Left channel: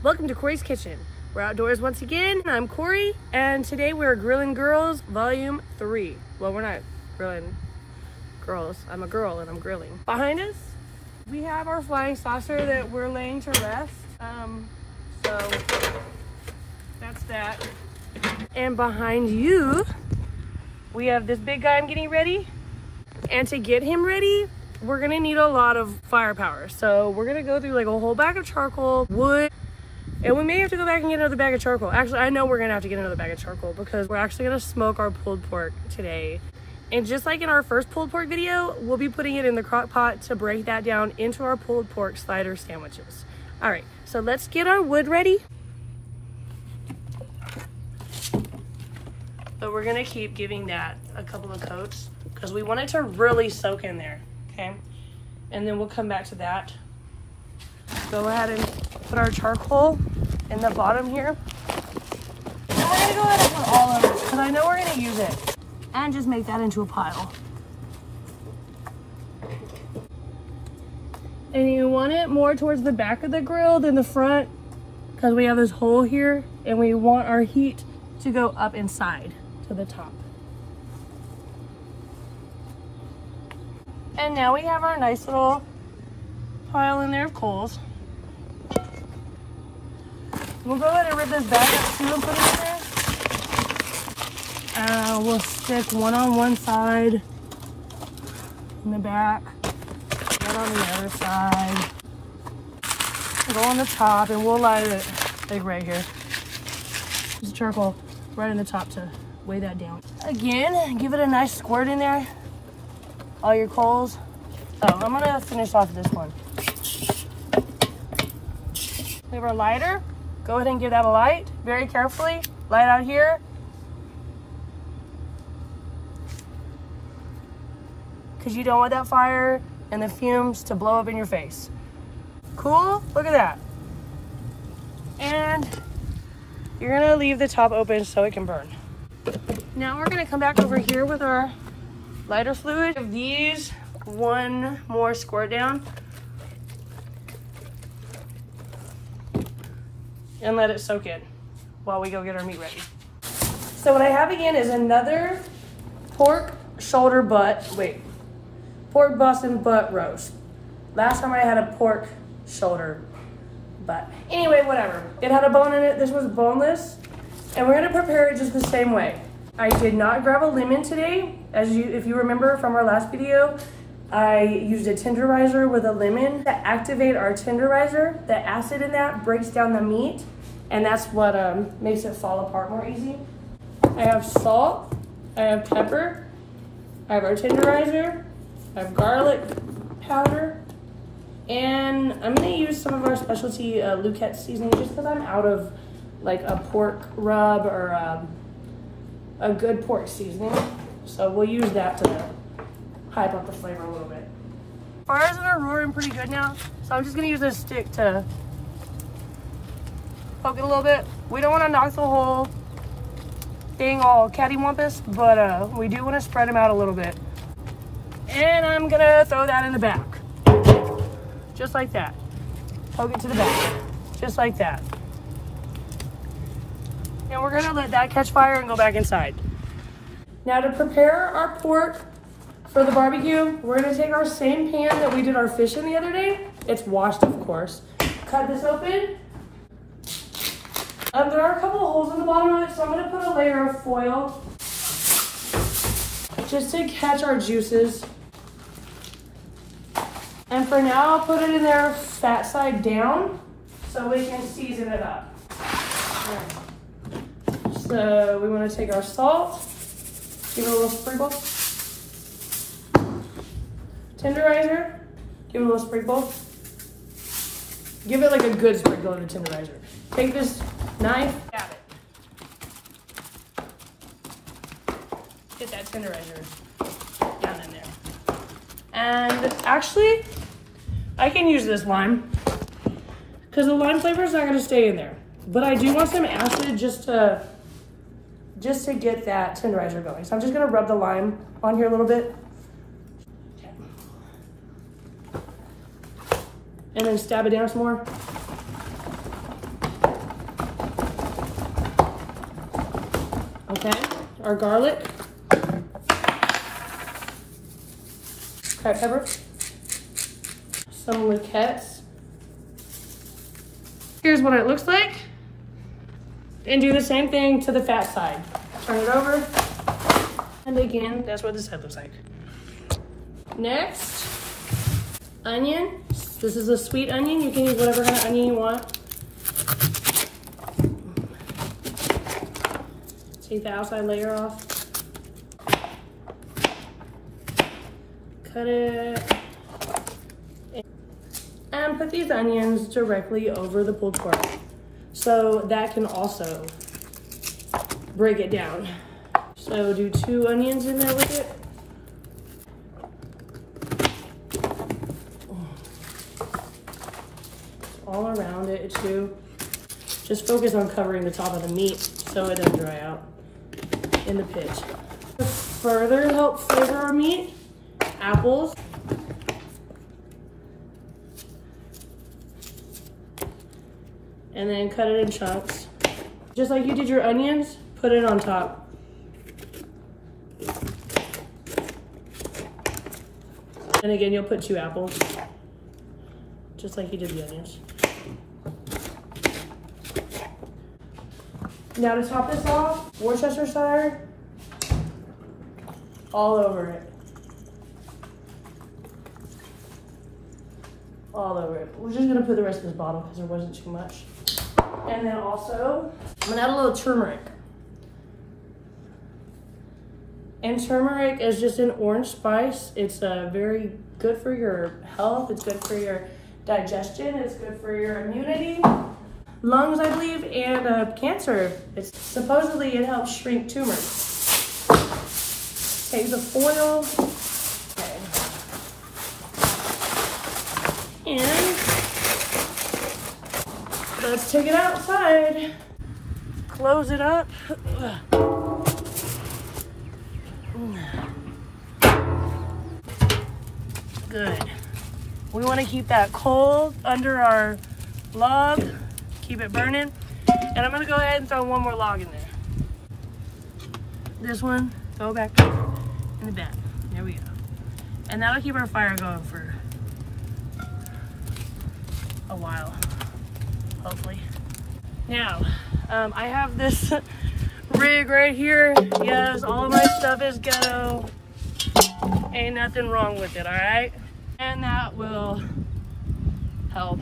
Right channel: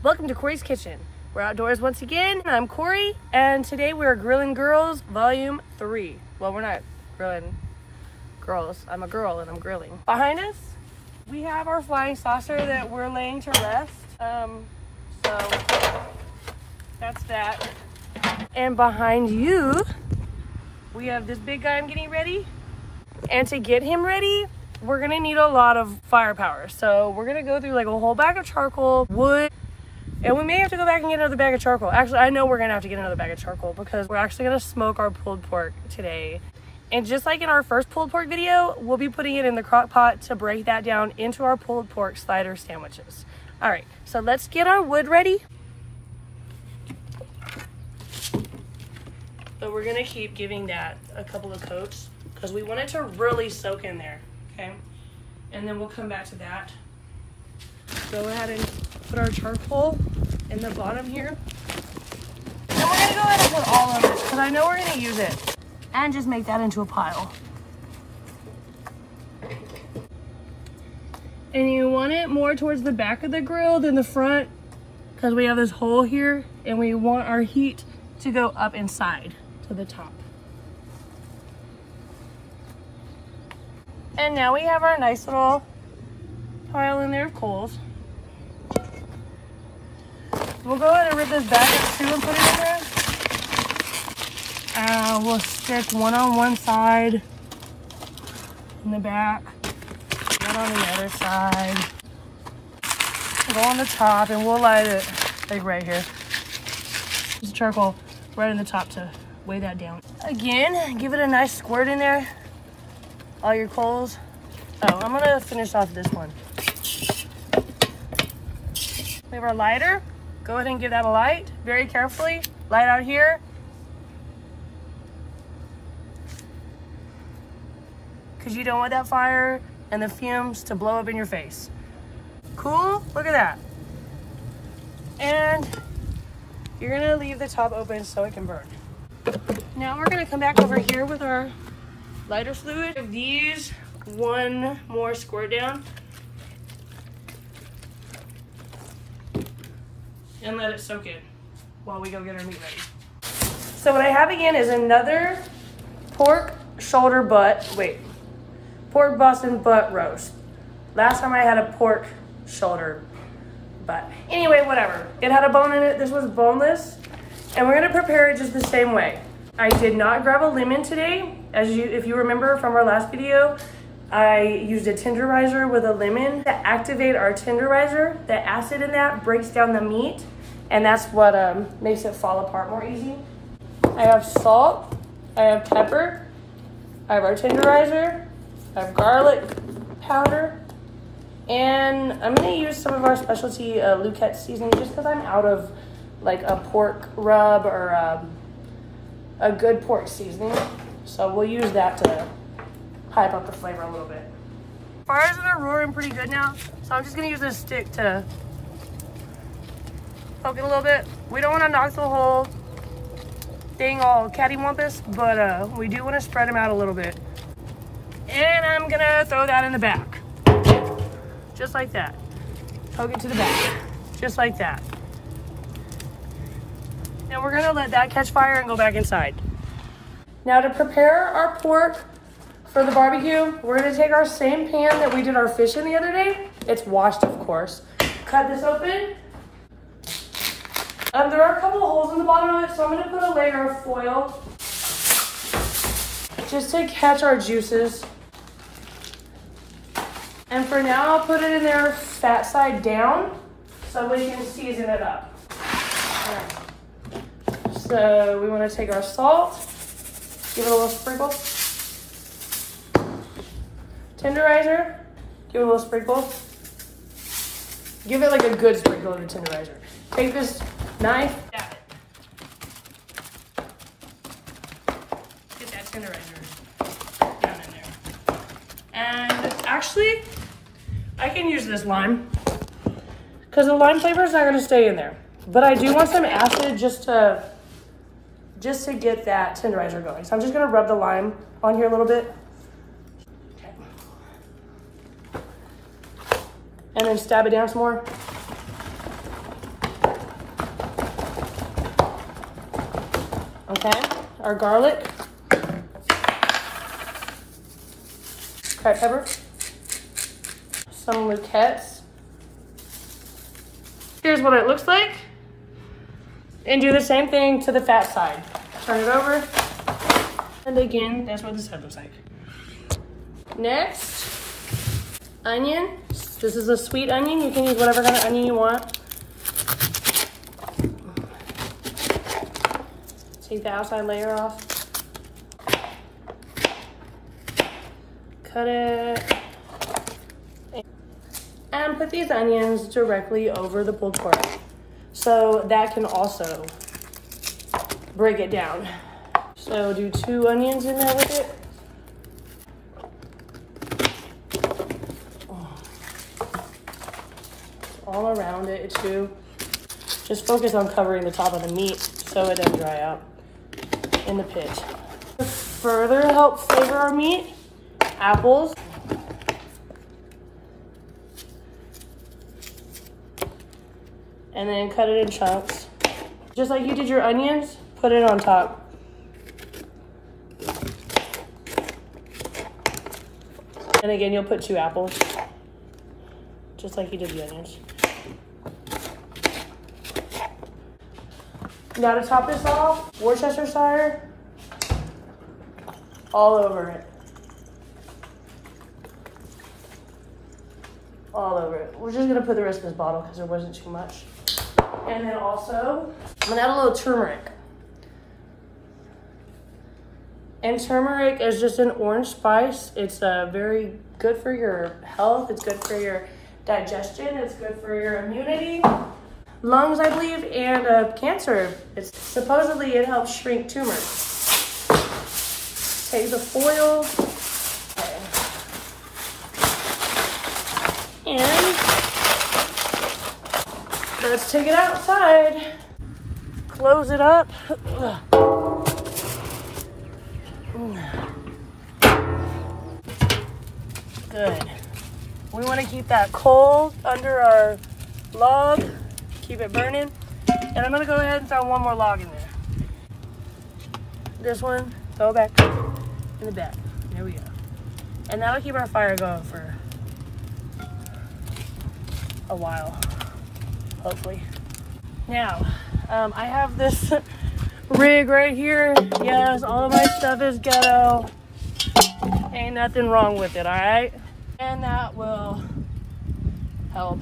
Welcome to Kori's Kitchen. We're outdoors once again. I'm Kori, and today we're Grillin' Girls Volume 3. Well, we're not grilling girls. I'm a girl and I'm grilling. Behind us, we have our flying saucer that we're laying to rest. So that's that. And behind you, we have this big guy I'm getting ready. And to get him ready, we're gonna need a lot of firepower. So we're gonna go through like a whole bag of charcoal, wood, and we may have to go back and get another bag of charcoal. Actually, I know we're gonna have to get another bag of charcoal because we're actually gonna smoke our pulled pork today. And just like in our first pulled pork video, we'll be putting it in the crock pot to break that down into our pulled pork slider sandwiches. All right, so let's get our wood ready. But we're gonna keep giving that a couple of coats because we want it to really soak in there, okay? And then we'll come back to that. Go ahead and put our charcoal in the bottom here. And we're gonna go ahead and put all of it because I know we're gonna use it. And just make that into a pile. And you want it more towards the back of the grill than the front because we have this hole here and we want our heat to go up inside to the top. And now we have our nice little pile in there of coals. We'll go ahead and rip this back up too and put it in there. We'll stick one on one side in the back, one on the other side. Go on the top and we'll light it like right here. Use charcoal right in the top to weigh that down. Again, give it a nice squirt in there. All your coals. Oh, I'm gonna finish off this one. We have our lighter. Go ahead and give that a light very carefully. Light out here. Because you don't want that fire and the fumes to blow up in your face. Cool, look at that. And you're gonna leave the top open so it can burn. Now we're gonna come back over here with our lighter fluid. Give these one more squirt down. And let it soak in while we go get our meat ready. So what I have again is another pork Boston butt roast. Last time I had a pork shoulder butt. Anyway, whatever. It had a bone in it. This was boneless. And we're gonna prepare it just the same way. I did not grab a lemon today. If you remember from our last video, I used a tenderizer with a lemon to activate our tenderizer. The acid in that breaks down the meat, and that's what makes it fall apart more easy. I have salt, I have pepper, I have our tenderizer, I have garlic powder, and I'm gonna use some of our specialty Lucette seasoning just because I'm out of like a pork rub or a good pork seasoning. So we'll use that to hype up the flavor a little bit. Fires are roaring pretty good now, so I'm just gonna use this stick to poke it a little bit. We don't wanna knock the whole thing all cattywampus, but we do wanna spread them out a little bit. And I'm gonna throw that in the back. Just like that. Poke it to the back, just like that. Now we're gonna let that catch fire and go back inside. Now to prepare our pork for the barbecue, we're gonna take our same pan that we did our fish in the other day. It's washed, of course. Cut this open. There are a couple of holes in the bottom of it, so I'm gonna put a layer of foil just to catch our juices. And for now, I'll put it in there fat side down so we can season it up. All right. So we wanna take our salt, give it a little sprinkle. Tenderizer, give it a little sprinkle. Give it like a good sprinkle of the tenderizer. Take this knife, stab it. Get that tenderizer down in there. And actually, I can use this lime because the lime flavor is not gonna stay in there. But I do want some acid just to get that tenderizer going. So I'm just gonna rub the lime on here a little bit. And then stab it down some more. Okay, our garlic, cracked pepper, some luquettes. Here's what it looks like. And do the same thing to the fat side. Turn it over. And again, that's what this head looks like. Next, onion. This is a sweet onion. You can use whatever kind of onion you want. Take the outside layer off. Cut it. And put these onions directly over the pulled pork. So that can also break it down. So do 2 onions in there with it. All around it too. Just focus on covering the top of the meat so it doesn't dry out in the pit. To further help flavor our meat, apples. And then cut it in chunks. Just like you did your onions, put it on top. And again, you'll put 2 apples, just like you did the onions. Now to top this off, Worcestershire all over it. All over it. We're just gonna put the rest of this bottle because there wasn't too much. And then also, I'm gonna add a little turmeric. And turmeric is just an orange spice. It's very good for your health. It's good for your digestion. It's good for your immunity, lungs, I believe, and cancer. Supposedly it helps shrink tumors. Take the foil. Okay. And let's take it outside. Close it up. Good. We want to keep that coal under our log, keep it burning. And I'm going to go ahead and throw one more log in there. This one, go back in the back. There we go. And that'll keep our fire going for a while, hopefully. Now, I have this rig right here. Yes, all of my stuff is ghetto. Ain't nothing wrong with it, all right? And that will help,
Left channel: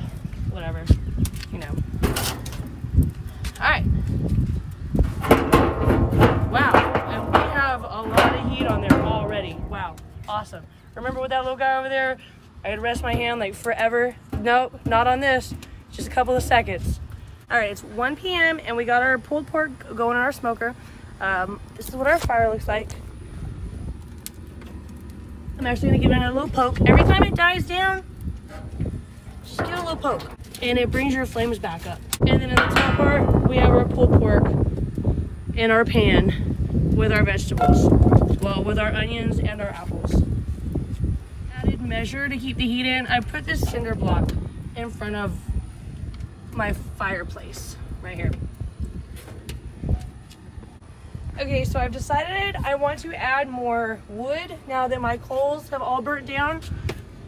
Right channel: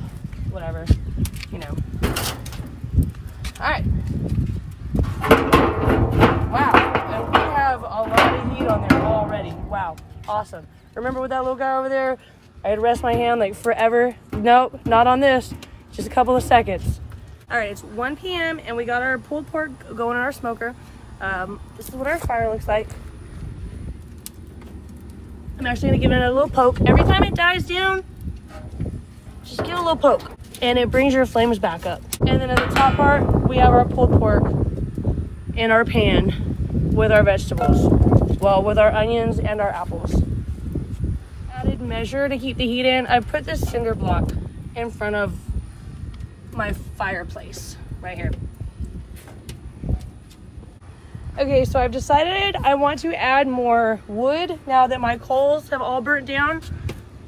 whatever, you know. All right. Wow, and we have a lot of heat on there already. Wow, awesome. Remember with that little guy over there? I had to rest my hand like forever. Nope, not on this, just a couple of seconds. All right, it's 1 p.m. and we got our pulled pork going in our smoker. This is what our fire looks like. I'm actually gonna give it a little poke. Every time it dies down, just give it a little poke and it brings your flames back up. And then at the top part, we have our pulled pork in our pan with our vegetables. Well, with our onions and our apples. Added measure to keep the heat in. I put this cinder block in front of my fireplace right here. Okay, so I've decided I want to add more wood now that my coals have all burnt down.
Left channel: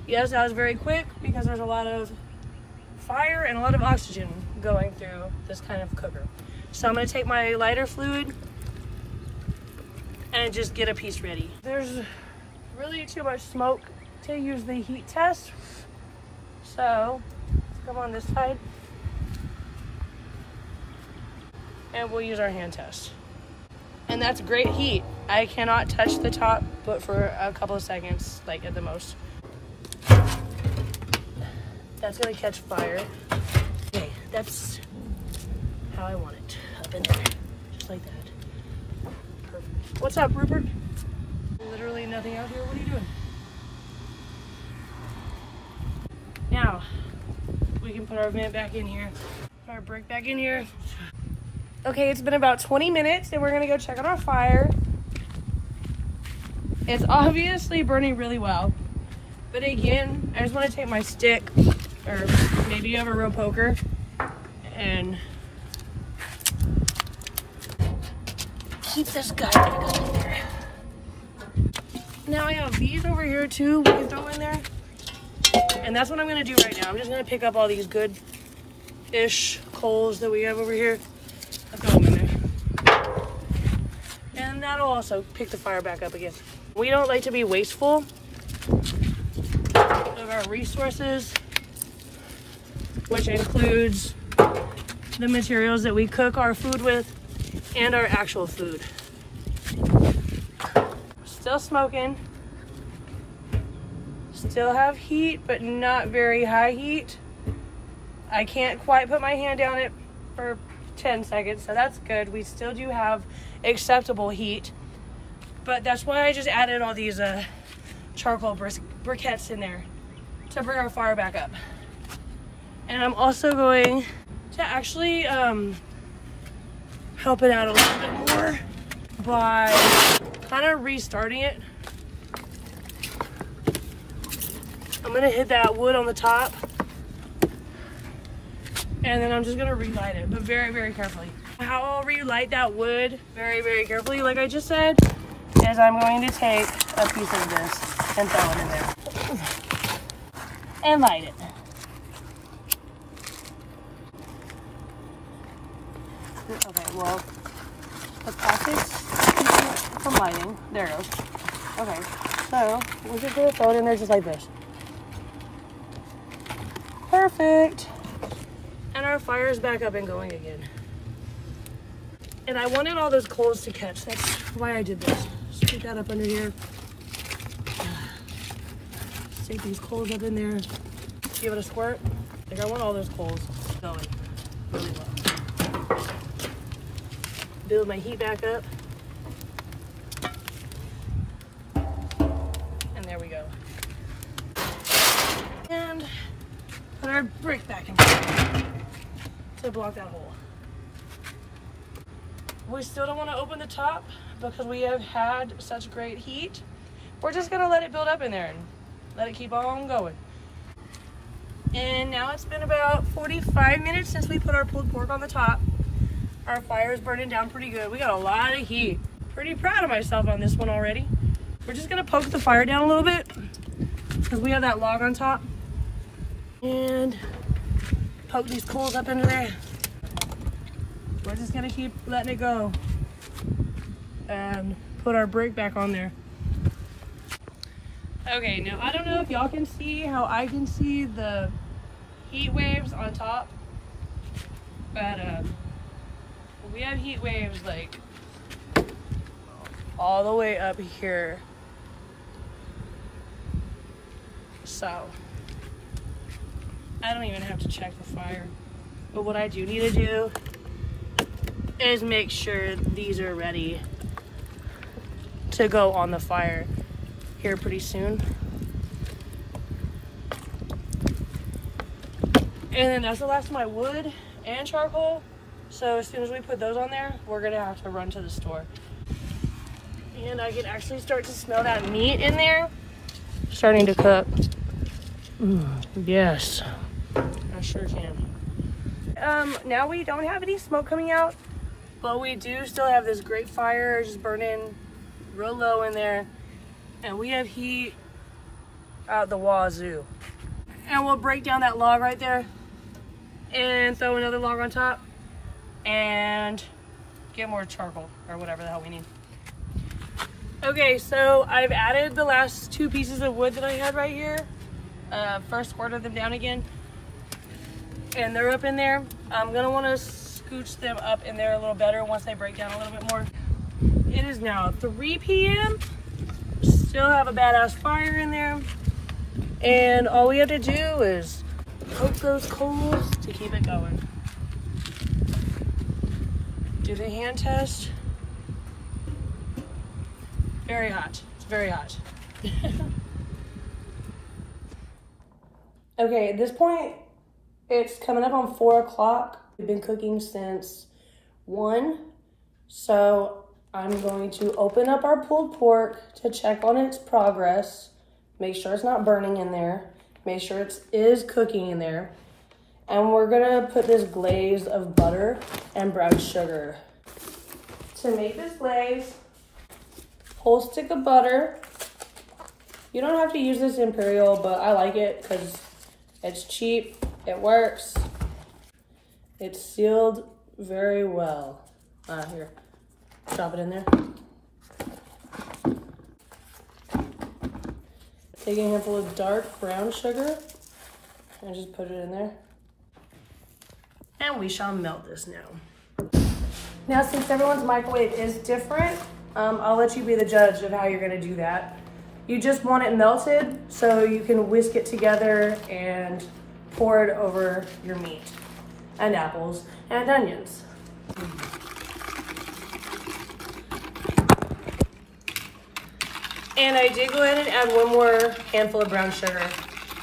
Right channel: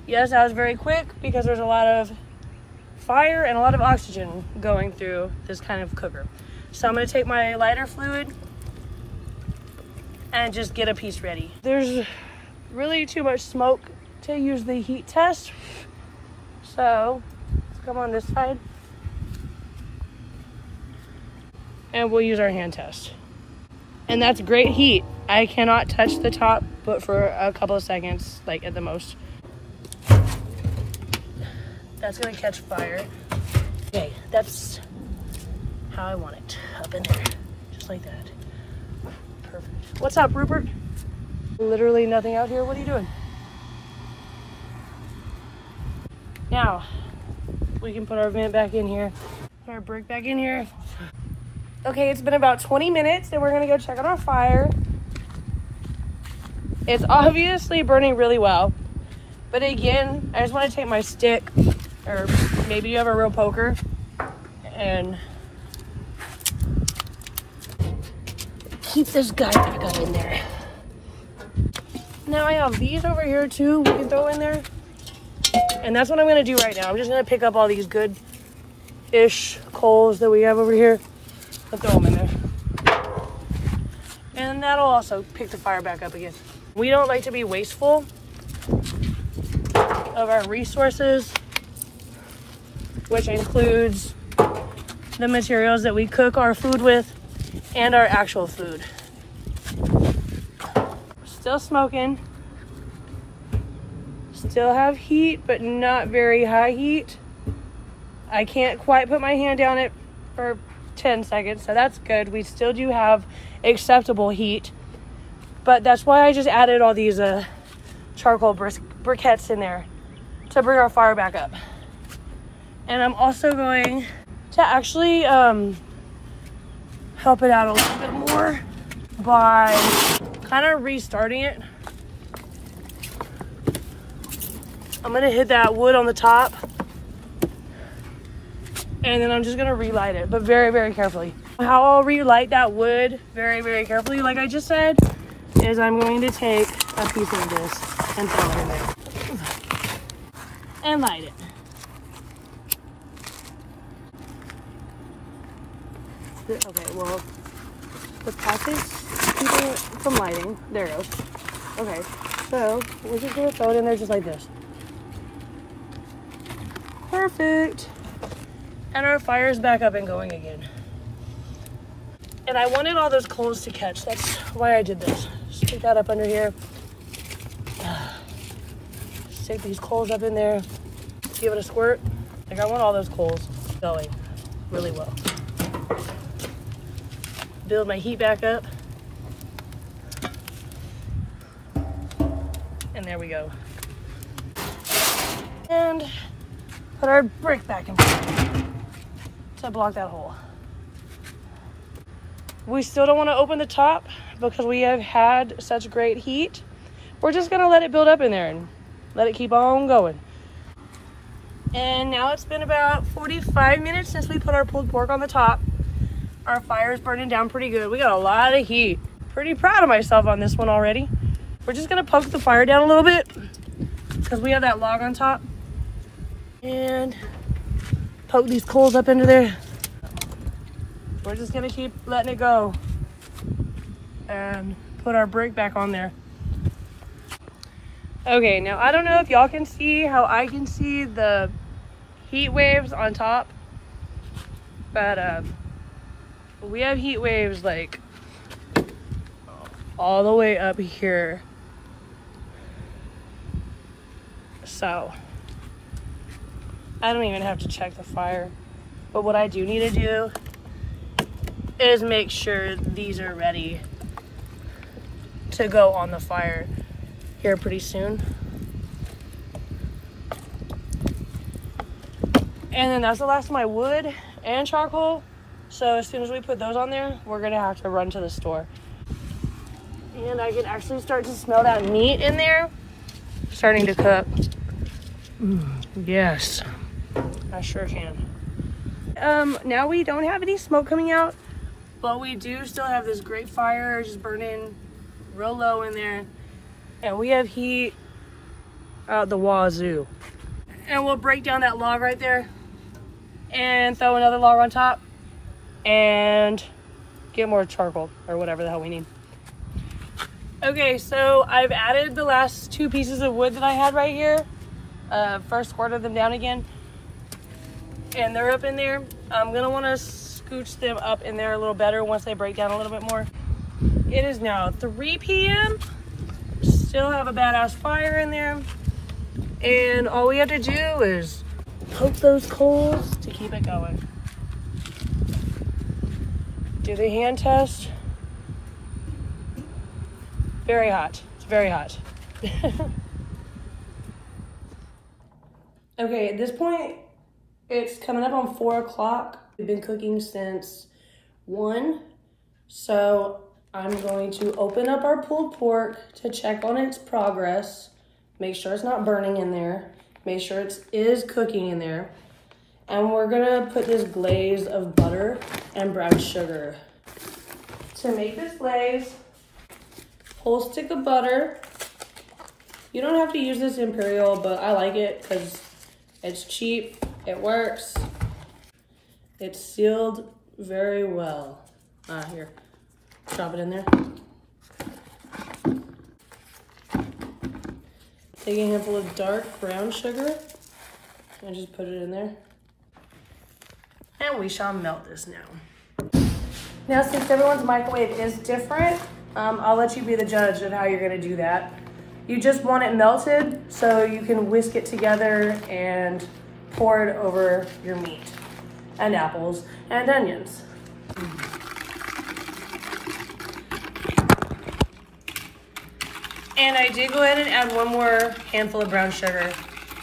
Yes, that was very quick because there's a lot of fire and a lot of oxygen going through this kind of cooker. So I'm gonna take my lighter fluid and just get a piece ready. There's really too much smoke to use the heat test. So come on this side. And we'll use our hand test. And that's great heat. I cannot touch the top, but for a couple of seconds, like at the most. That's gonna catch fire. Okay, that's how I want it, up in there, just like that. Perfect. What's up, Rupert? Literally nothing out here, what are you doing? Now, we can put our vent back in here, put our brick back in here. Okay, it's been about 20 minutes and we're gonna go check on our fire. It's obviously burning really well. But again, I just wanna take my stick, or maybe you have a real poker, and keep this guy back up in there. Now I have these over here too we can throw in there. And that's what I'm gonna do right now. I'm just gonna pick up all these good-ish coals that we have over here and throw them in there. And that'll also pick the fire back up again. We don't like to be wasteful of our resources, which includes the materials that we cook our food with and our actual food. Still smoking. Still have heat, but not very high heat. I can't quite put my hand down it for 10 seconds, so that's good. We still do have acceptable heat, but that's why I just added all these charcoal briquettes in there to bring our fire back up. And I'm also going to actually help it out a little bit more by kind of restarting it. I'm gonna hit that wood on the top, and then I'm just gonna relight it, but very, very carefully. How I'll relight that wood very, very carefully, like I just said, is I'm going to take a piece of this and throw it in there and light it. Okay, well, the package keeping it from lighting. There it goes. Okay, so we're just gonna throw it in there just like this. Perfect. And our fire's back up and going again. And I wanted all those coals to catch. That's why I did this. Stick that up under here. Stick these coals up in there. Give it a squirt. Like, I want all those coals going really well. Build my heat back up. And there we go. And put our brick back in place to block that hole. We still don't want to open the top because we have had such great heat. We're just gonna let it build up in there and let it keep on going. And now it's been about 45 minutes since we put our pulled pork on the top. Our fire's burning down pretty good. We got a lot of heat. Pretty proud of myself on this one already. We're just gonna poke the fire down a little bit because we have that log on top. And poke these coals up into there. We're just gonna keep letting it go and put our brick back on there. Okay, now I don't know if y'all can see how I can see the heat waves on top, but we have heat waves like all the way up here. So I don't even have to check the fire, but what I do need to do is make sure these are ready to go on the fire here pretty soon. And then that's the last of my wood and charcoal. So as soon as we put those on there, we're gonna have to run to the store. And I can actually start to smell that meat in there starting to cook. Yes, I sure can. Now we don't have any smoke coming out, but we do still have this great fire just burning real low in there. And we have heat out the wazoo. And we'll break down that log right there and throw another log on top and get more charcoal or whatever the hell we need. Okay, so I've added the last 2 pieces of wood that I had right here. First squirted them down again. And they're up in there. I'm gonna wanna scooch them up in there a little better once they break down a little bit more. It is now 3 p.m. Still have a badass fire in there. And all we have to do is poke those coals to keep it going. Do the hand test. Very hot, it's very hot. Okay, at this point, it's coming up on 4 o'clock. We've been cooking since 1. So I'm going to open up our pulled pork to check on its progress. Make sure it's not burning in there. Make sure it is cooking in there. And we're gonna put this glaze of butter and brown sugar to make this glaze. Whole stick of butter. You don't have to use this Imperial, but I like it because it's cheap, it works. It's sealed very well. Here, drop it in there. Take a handful of dark brown sugar and just put it in there. And we shall melt this now. Now, since everyone's microwave is different, I'll let you be the judge of how you're gonna do that. You just want it melted so you can whisk it together and pour it over your meat and apples and onions. And I did go ahead and add one more handful of brown sugar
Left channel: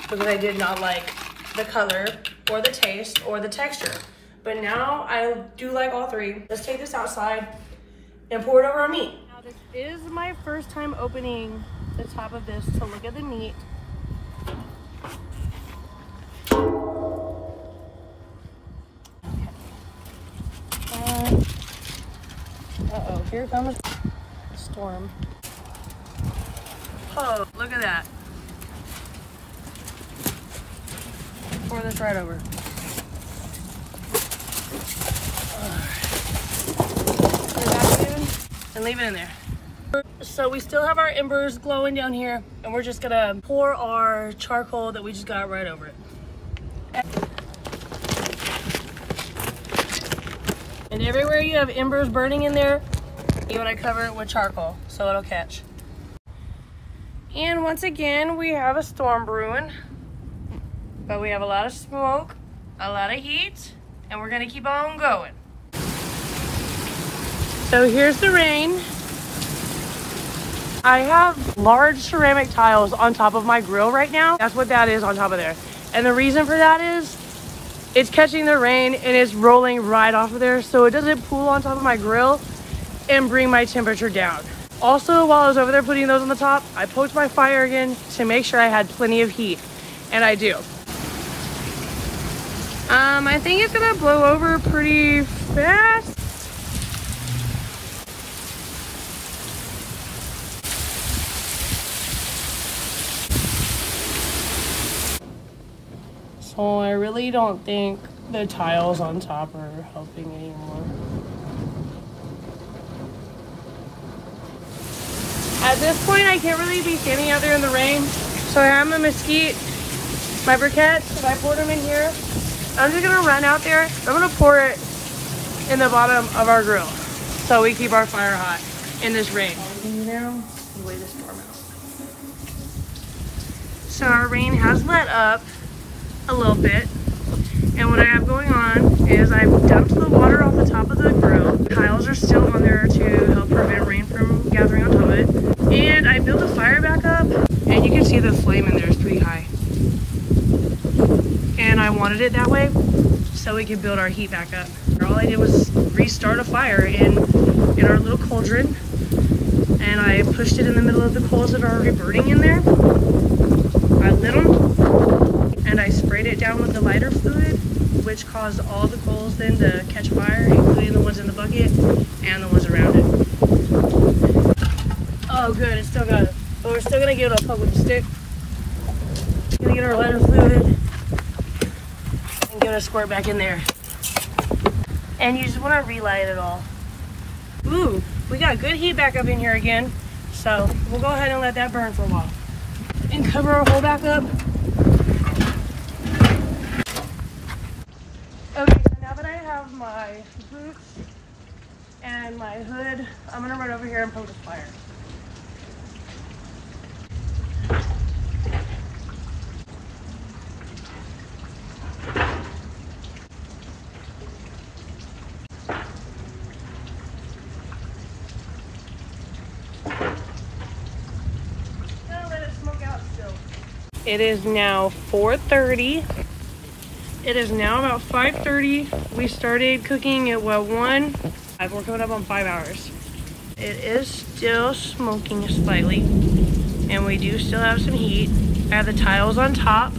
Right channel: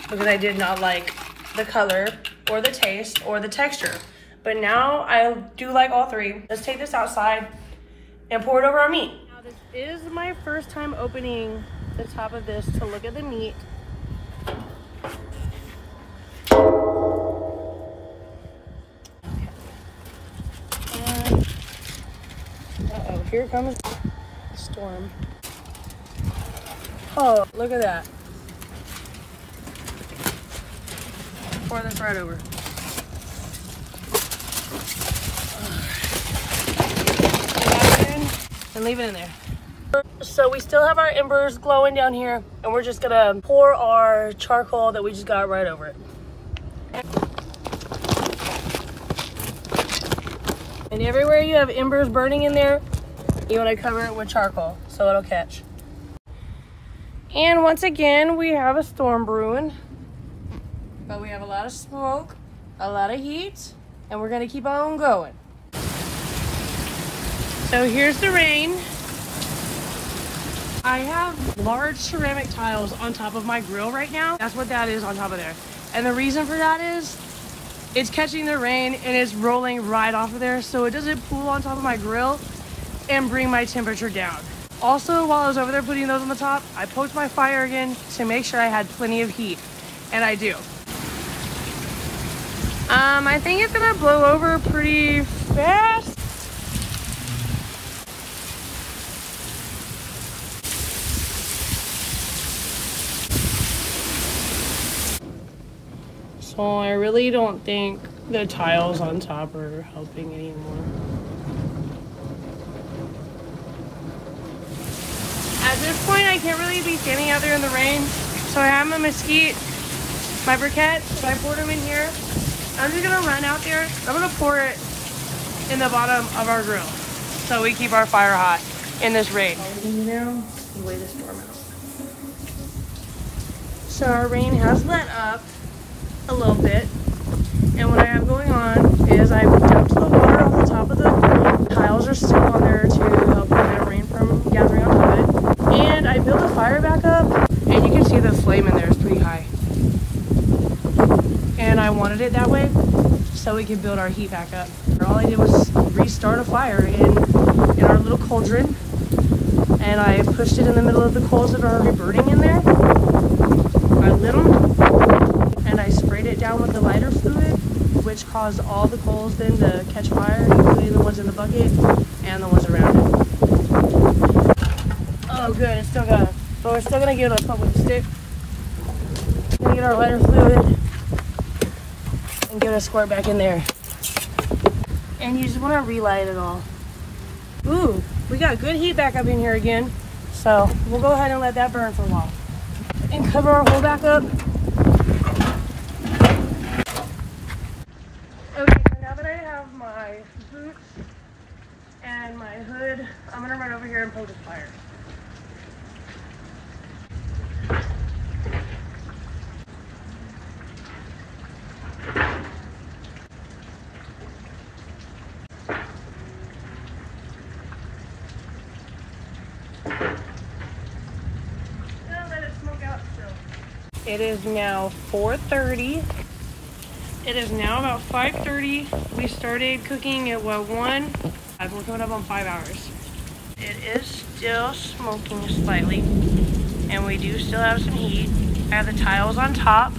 because I did not like the color or the taste or the texture. But now I do like all three. Let's take this outside and pour it over our meat. Now this is my first time opening the top of this to look at the meat. Uh-oh, here comes the storm. Oh, look at that. Pour this right over. And leave it in there. So we still have our embers glowing down here, and we're just gonna pour our charcoal that we just got right over it. And everywhere you have embers burning in there, you wanna cover it with charcoal so it'll catch. And once again, we have a storm brewing, but we have a lot of smoke, a lot of heat, and we're gonna keep on going. So here's the rain. I have large ceramic tiles on top of my grill right now. That's what that is on top of there. And the reason for that is it's catching the rain and it's rolling right off of there so it doesn't pool on top of my grill and bring my temperature down. Also, while I was over there putting those on the top, I poked my fire again to make sure I had plenty of heat, and I do. I think it's gonna blow over pretty fast. So I really don't think the tiles on top are helping anymore. At this point, I can't really be standing out there in the rain. So I have my mesquite, my briquettes, I poured them in here. I'm just gonna run out there. I'm gonna pour it in the bottom of our grill so we keep our fire hot in this rain. So our rain has let up a little bit. And what I have going on is I've dumped the water off the top of the grill. Tiles are still on there to help prevent rain from gathering on top of it. And I built the fire back up, and you can see the flame in there is pretty high. And I wanted it that way so we could build our heat back up. All I did was restart a fire in our little cauldron, and I pushed it in the middle of the coals that are already burning in there. I lit them, and I sprayed it down with the lighter fluid, which caused all the coals then to catch fire, including the ones in the bucket and the ones around it. Oh good, it's still got it. But we're still gonna give it a pump with the stick. We're gonna get our lighter fluid and give it a squirt back in there. And you just wanna relight it all. Ooh, we got good heat back up in here again. So we'll go ahead and let that burn for a while. And cover our hole back up. Okay, so now that I have my boots and my hood, I'm gonna run over here and poke this fire. It is now 4:30. It is now about 5:30. We started cooking at what, 1? We're coming up on 5 hours. It is still smoking slightly, and we do still have some heat. I have the tiles on top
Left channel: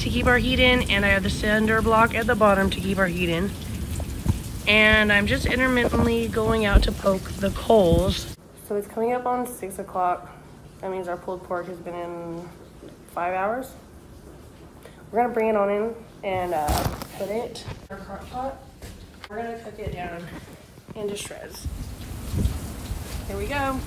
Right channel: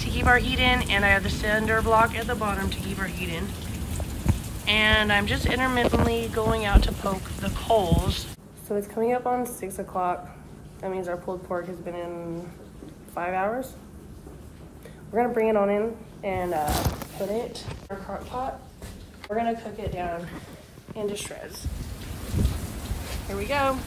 to keep our heat in, and I have the cinder block at the bottom to keep our heat in. And I'm just intermittently going out to poke the coals. So it's coming up on 6 o'clock. That means our pulled pork has been in 5 hours. We're gonna bring it on in and put it in our crock pot. We're gonna cook it down into shreds. Here we go.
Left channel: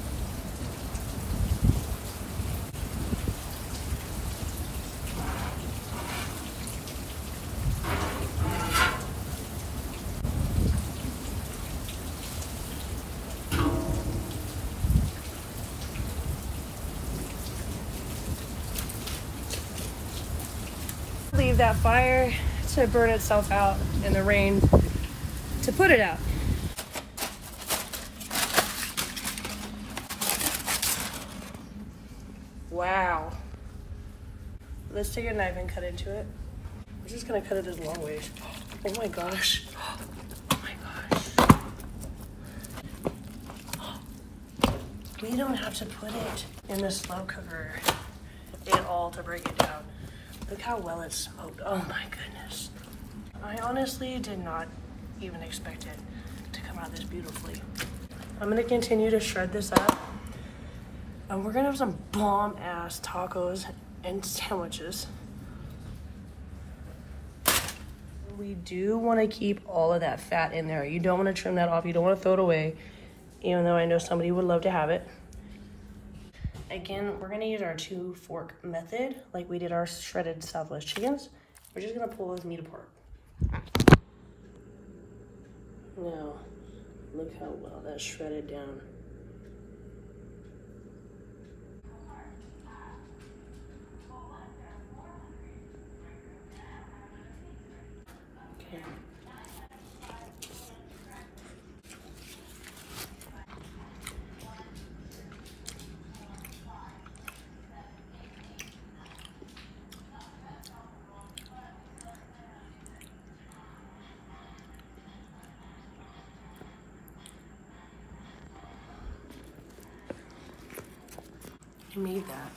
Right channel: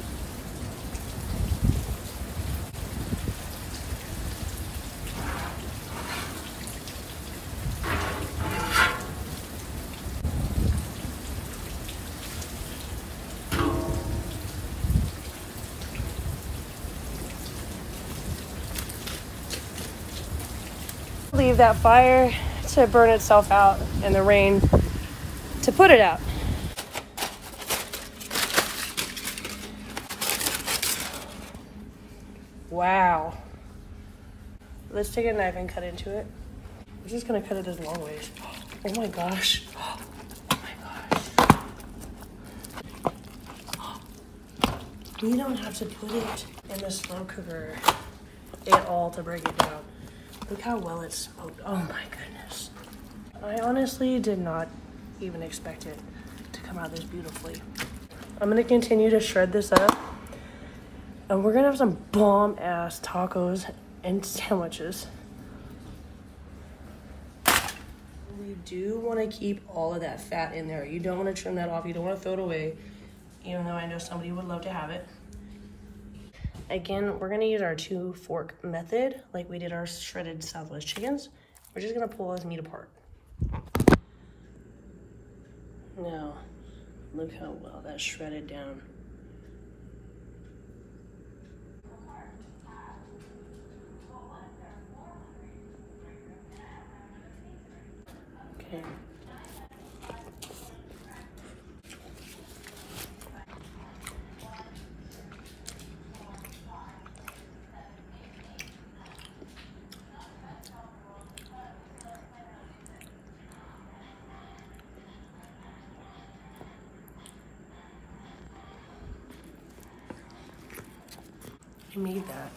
Leave that fire to burn itself out and the rain to put it out. Wow. Let's take a knife and cut into it. I'm just gonna cut it as long ways. Oh my gosh. Oh my gosh. You don't have to put it in the slow cooker at all to break it down. Look how well it's smoked. Oh my goodness. I honestly did not even expect it to come out this beautifully. I'm gonna continue to shred this up. And we're gonna have some bomb ass tacos and sandwiches. We do wanna keep all of that fat in there. You don't wanna trim that off. You don't wanna throw it away, even though I know somebody would love to have it. Again, we're gonna use our 2-fork method like we did our shredded Southwest chickens. We're just gonna pull this meat apart. Now, look how well that's shredded down. Okay. I made that.